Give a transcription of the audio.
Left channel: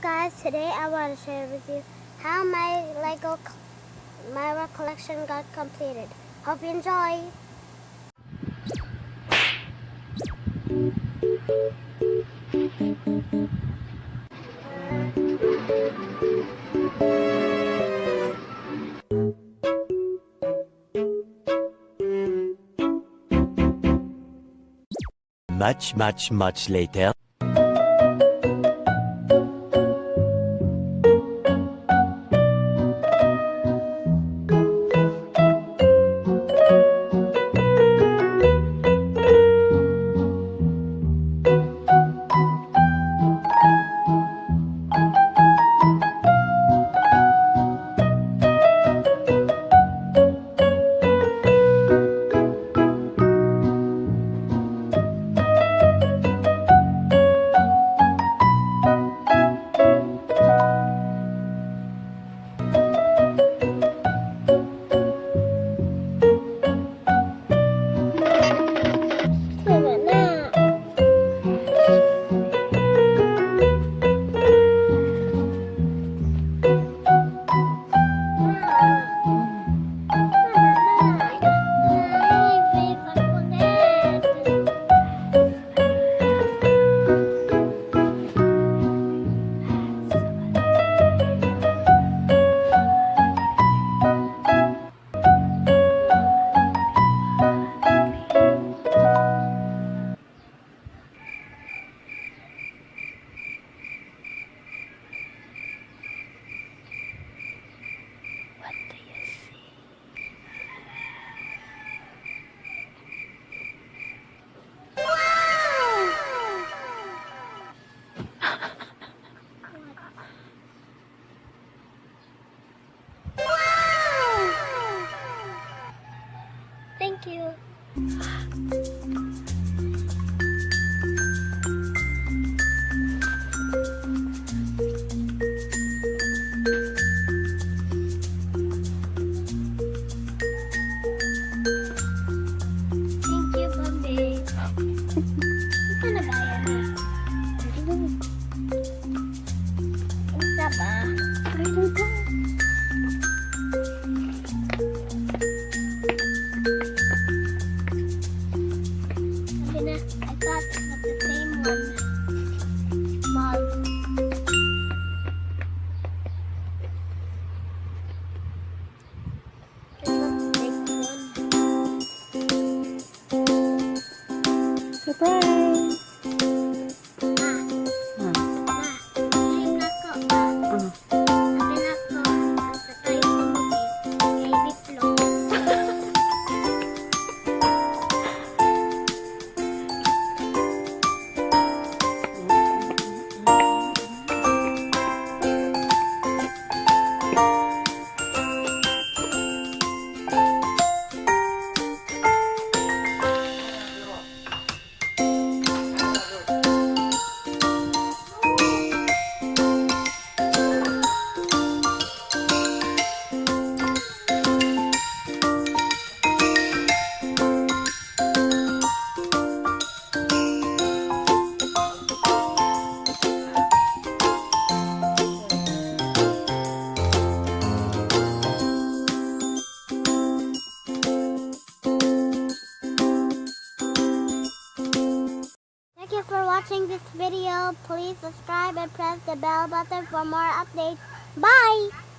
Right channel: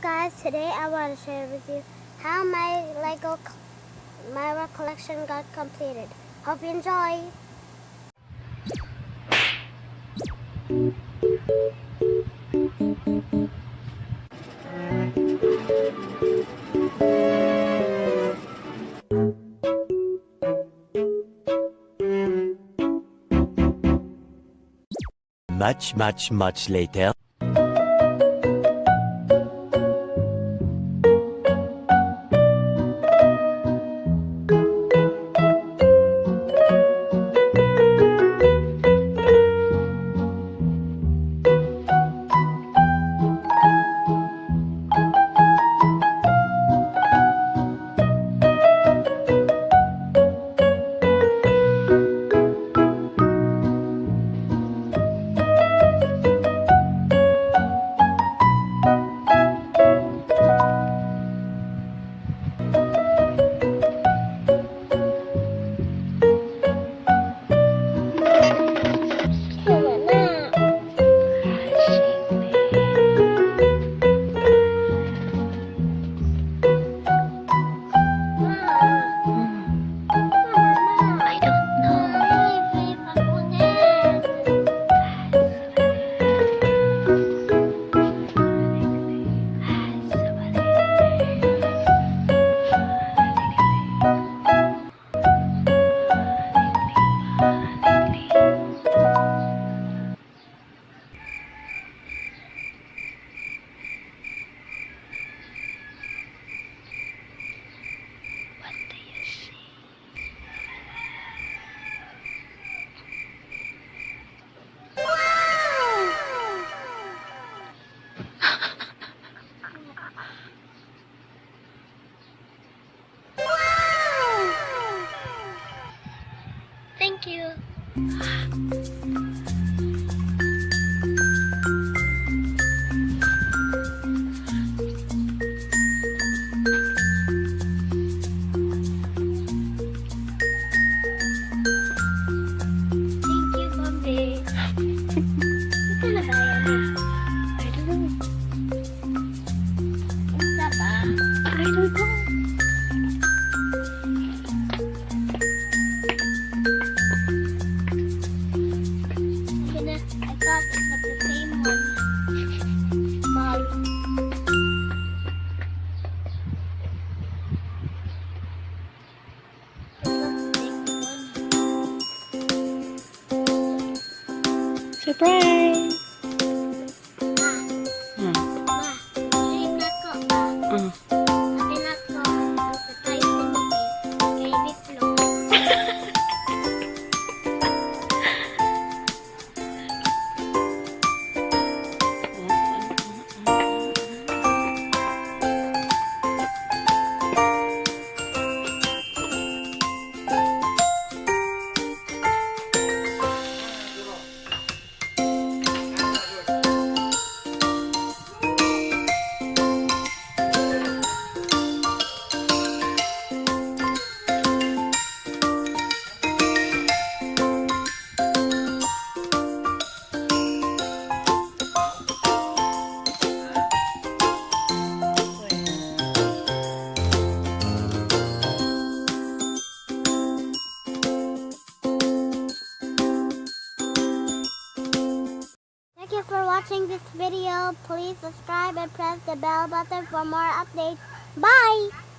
guys, today I want to share with you how my collection got completed. Hope you enjoy. Much later. Thank you. Thank you, Bobby. Ito na ba yan? I don't know. Isa ba? I don't know. I thought it was the same one. Mom. Surprise! Ma, sa'yo na ko ba? Sabi na ko, ang surprise mo baby flow. Thank you for watching this video. Please subscribe and press the bell button for more updates. Bye!